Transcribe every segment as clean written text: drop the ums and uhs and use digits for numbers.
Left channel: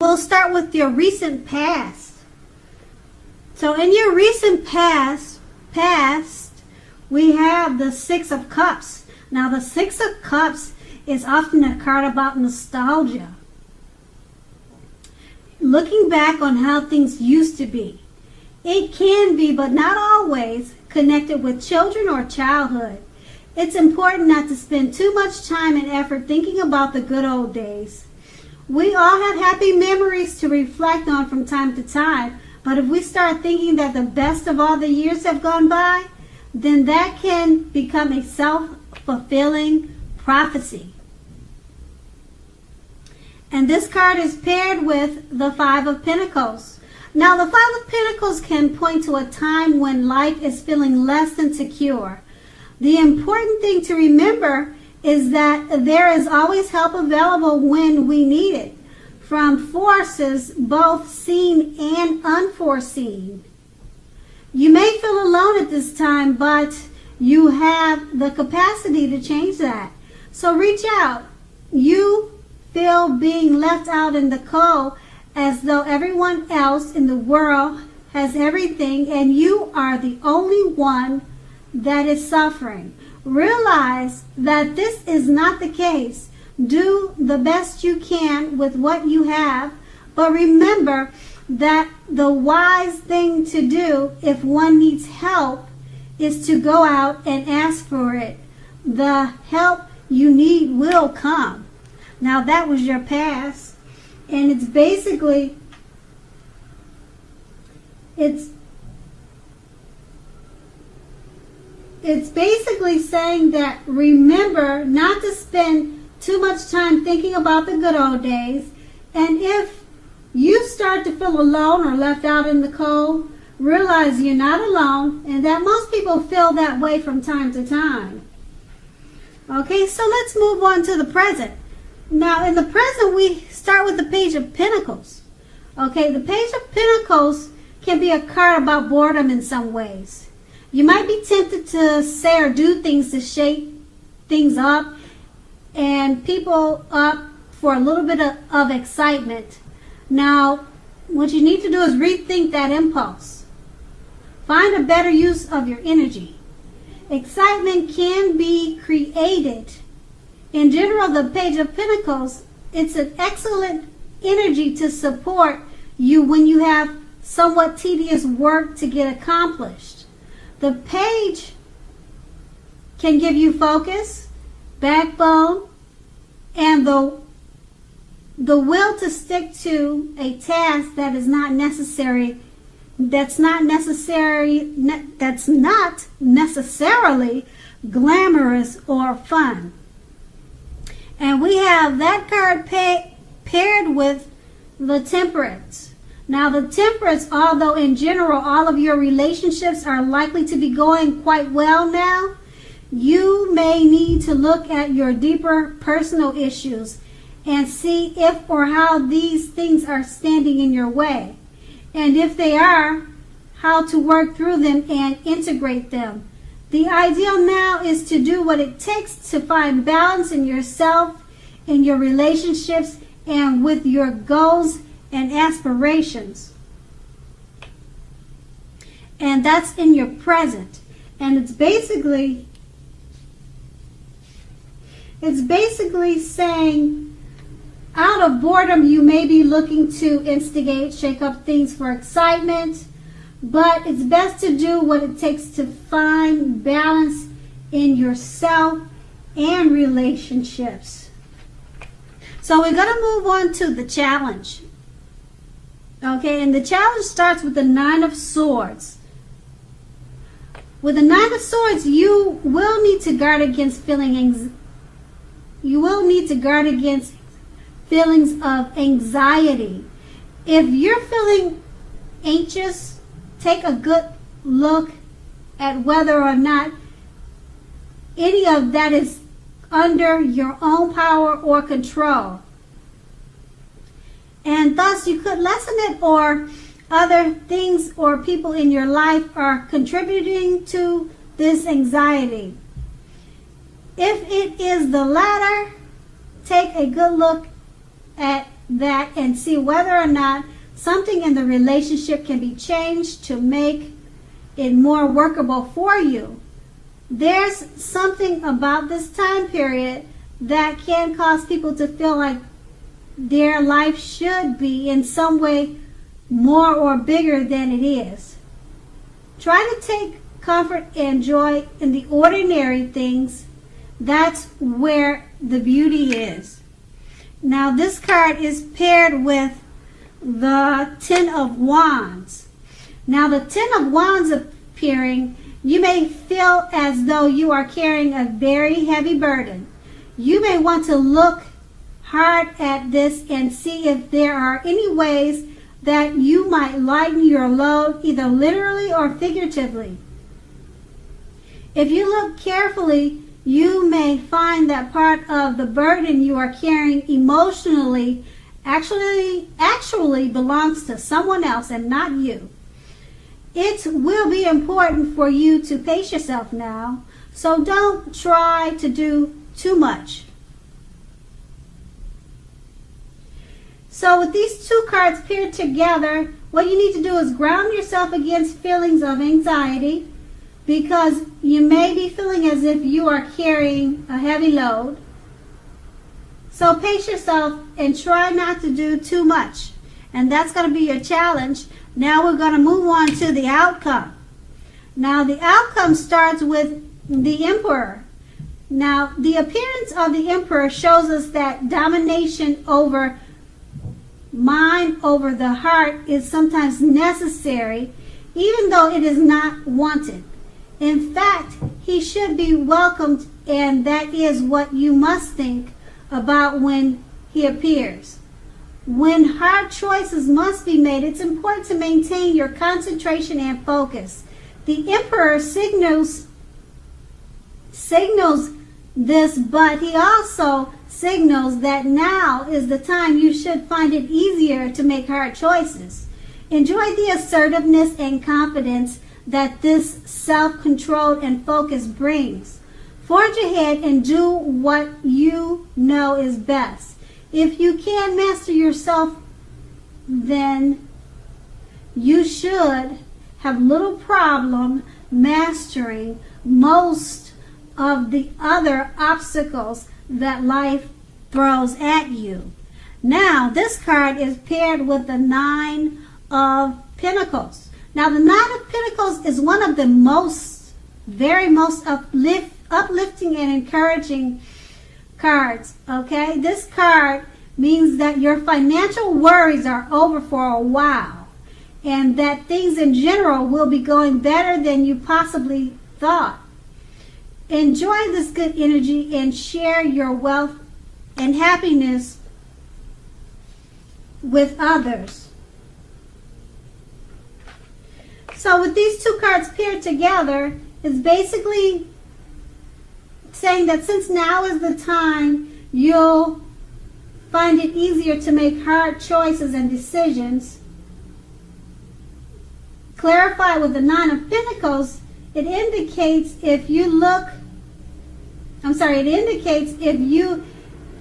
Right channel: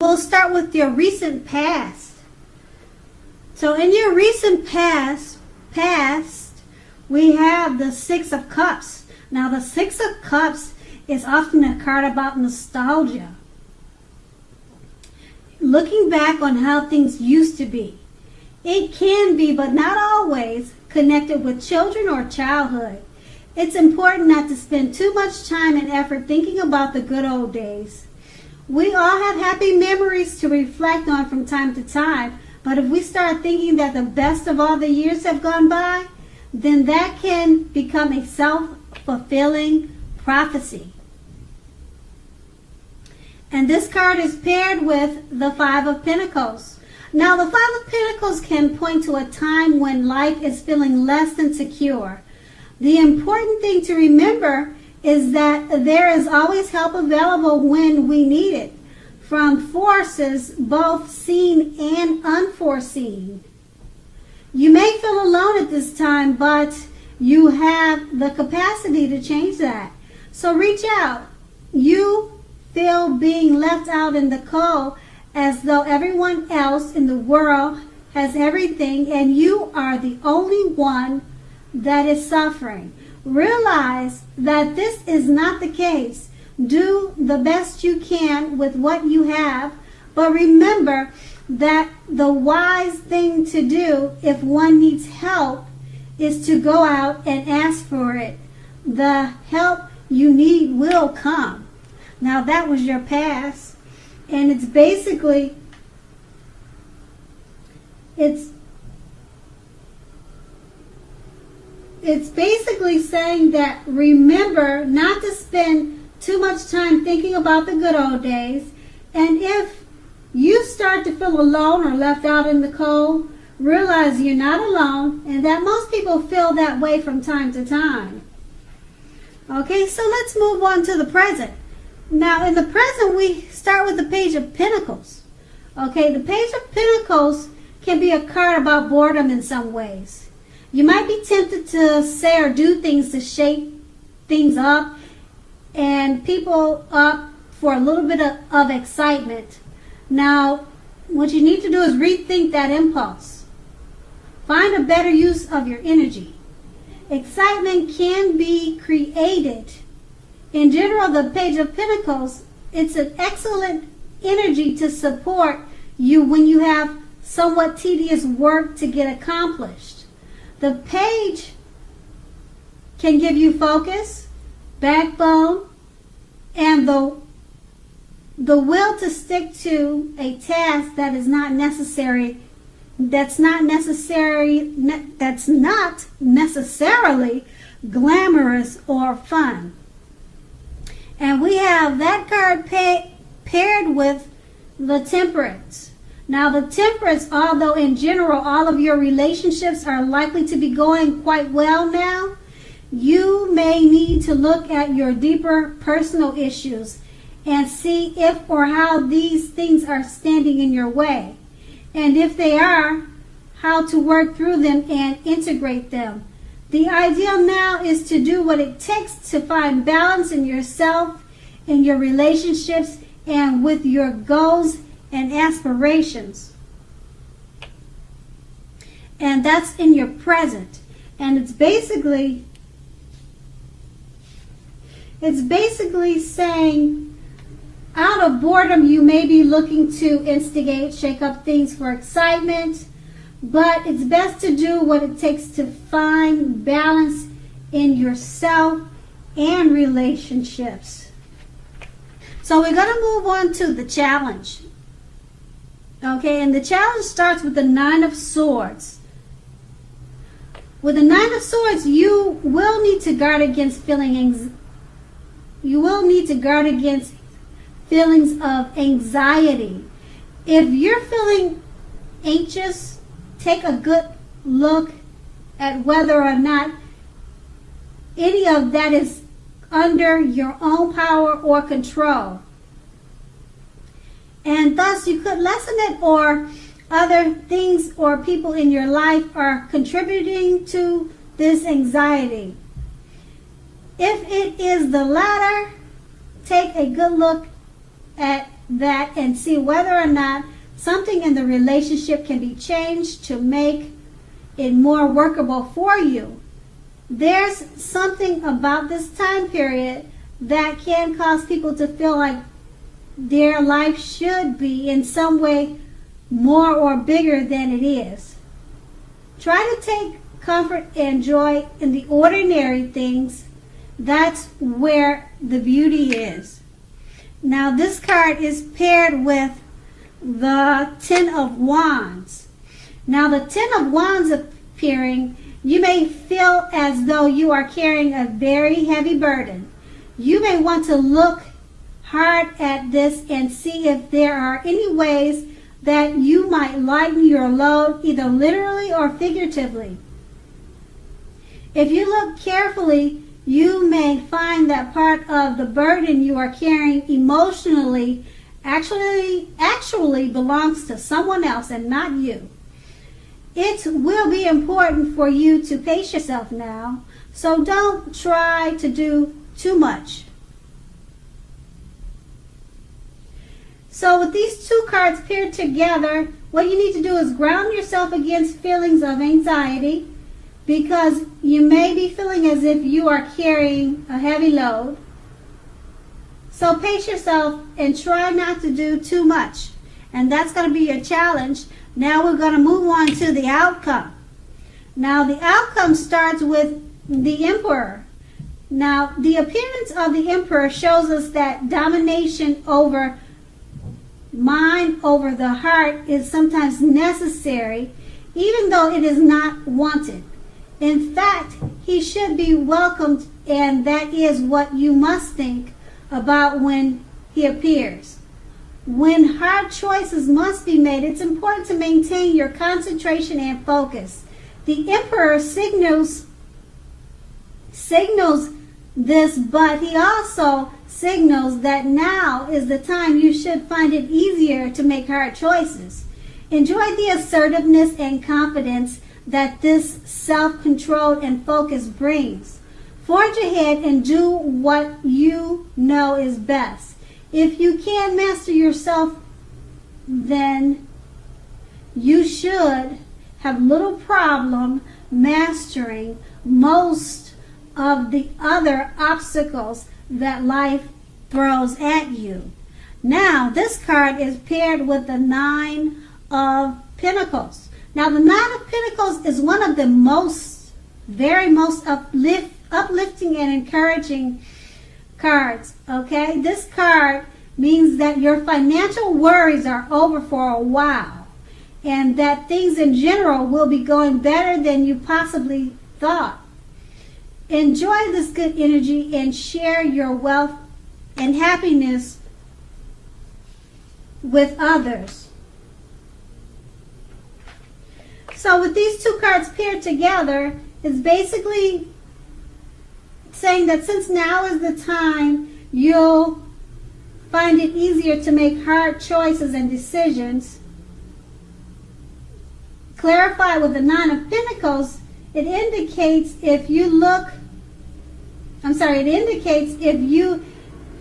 We'll start with your recent past. So in your recent past, we have the Six of Cups. Now the Six of Cups is often a card about nostalgia. Looking back on how things used to be. It can be, but not always, connected with children or childhood. It's important not to spend too much time and effort thinking about the good old days. We all have happy memories to reflect on from time to time, but if we start thinking that the best of all the years have gone by, then that can become a self-fulfilling prophecy. And this card is paired with the Five of Pentacles. Now, the Five of Pentacles can point to a time when life is feeling less than secure. The important thing to remember is that there is always help available when we need it, from forces both seen and unforeseen. You may feel alone at this time, but you have the capacity to change that. So reach out. You feel being left out in the cold as though everyone else in the world has everything and you are the only one that is suffering. Realize that this is not the case. Do the best you can with what you have, but remember that the wise thing to do if one needs help is to go out and ask for it. The help you need will come. Now that was your past, and it's basically saying that remember not to spend too much time thinking about the good old days, and if you start to feel alone or left out in the cold, realize you're not alone and that most people feel that way from time to time. Okay, so let's move on to the present. Now, in the present, we start with the Page of Pentacles. Okay, the Page of Pentacles can be a card about boredom in some ways. You might be tempted to say or do things to shake things up and people up for a little bit of excitement. Now, what you need to do is rethink that impulse. Find a better use of your energy. Excitement can be created. In general, the Page of Pentacles, it's an excellent energy to support you when you have somewhat tedious work to get accomplished. The page can give you focus, backbone, and the will to stick to a task that's not necessarily glamorous or fun. And we have that card paired with the Temperance. Now the Temperance, although in general all of your relationships are likely to be going quite well now, you may need to look at your deeper personal issues and see if or how these things are standing in your way. And if they are, how to work through them and integrate them. The ideal now is to do what it takes to find balance in yourself, in your relationships, and with your goals and aspirations. And that's in your present. And it's basically saying, out of boredom, you may be looking to instigate, shake up things for excitement, but it's best to do what it takes to find balance in yourself and relationships. So we're going to move on to the challenge. Okay, and the challenge starts with the Nine of Swords. With the Nine of Swords, you will need to guard against feelings of anxiety. If you're feeling anxious, take a good look at whether or not any of that is under your own power or control. And thus you could lessen it, or other things or people in your life are contributing to this anxiety. If it is the latter, take a good look at that and see whether or not something in the relationship can be changed to make it more workable for you. There's something about this time period that can cause people to feel like their life should be in some way more or bigger than it is. Try to take comfort and joy in the ordinary things. That's where the beauty is. Now this card is paired with the Ten of Wands. Now the Ten of Wands appearing, you may feel as though you are carrying a very heavy burden. You may want to look hard at this and see if there are any ways that you might lighten your load, either literally or figuratively. If you look carefully, you may find that part of the burden you are carrying emotionally actually belongs to someone else and not you. It will be important for you to pace yourself now, so don't try to do too much. So with these two cards paired together, what you need to do is ground yourself against feelings of anxiety, because you may be feeling as if you are carrying a heavy load. So pace yourself and try not to do too much. And that's going to be a challenge. Now we're going to move on to the outcome. Now the outcome starts with the Emperor. Now the appearance of the Emperor shows us that domination over mind, over the heart, is sometimes necessary, even though it is not wanted. In fact, he should be welcomed, and that is what you must think about when he appears. When hard choices must be made, it's important to maintain your concentration and focus. The Emperor signals this, but he also signals that now is the time you should find it easier to make hard choices. Enjoy the assertiveness and confidence that this self-control and focus brings. Forge ahead and do what you know is best. If you can master yourself, then you should have little problem mastering most of the other obstacles that life throws at you. Now, this card is paired with the Nine of Pentacles. Now, the Nine of Pentacles is one of the very most uplifting and encouraging cards, okay? This card means that your financial worries are over for a while, and that things in general will be going better than you possibly thought. Enjoy this good energy and share your wealth and happiness with others. So with these two cards paired together, it's basically saying that since now is the time, you'll find it easier to make hard choices and decisions. Clarify with the Nine of Pentacles, it indicates if you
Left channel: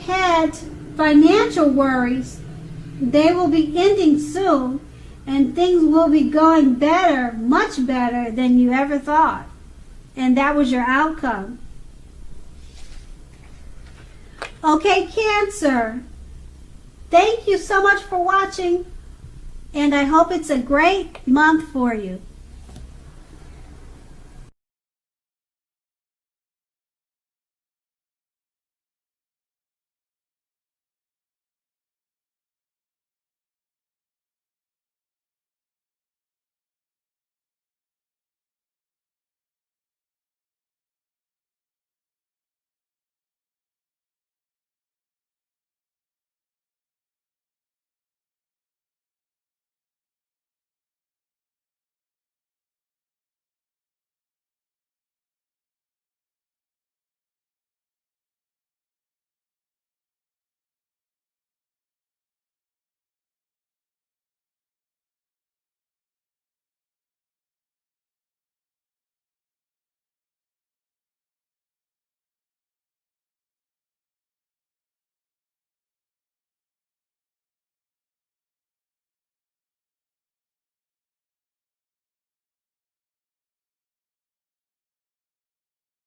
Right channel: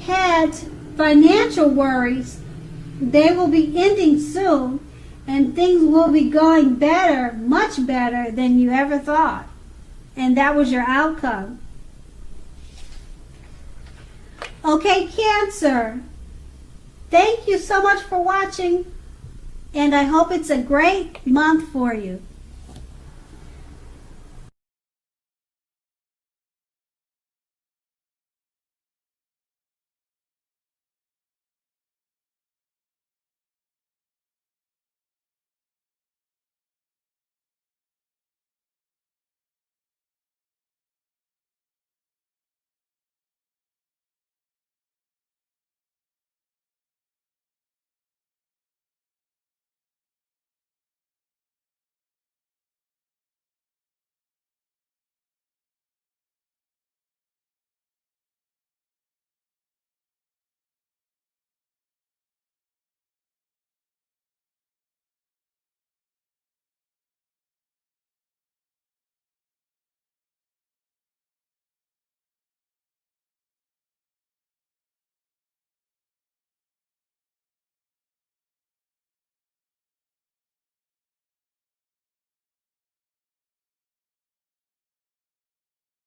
had financial worries, they will be ending soon, and things will be going better, much better than you ever thought. And that was your outcome. Okay, Cancer. Thank you so much for watching, and I hope it's a great month for you.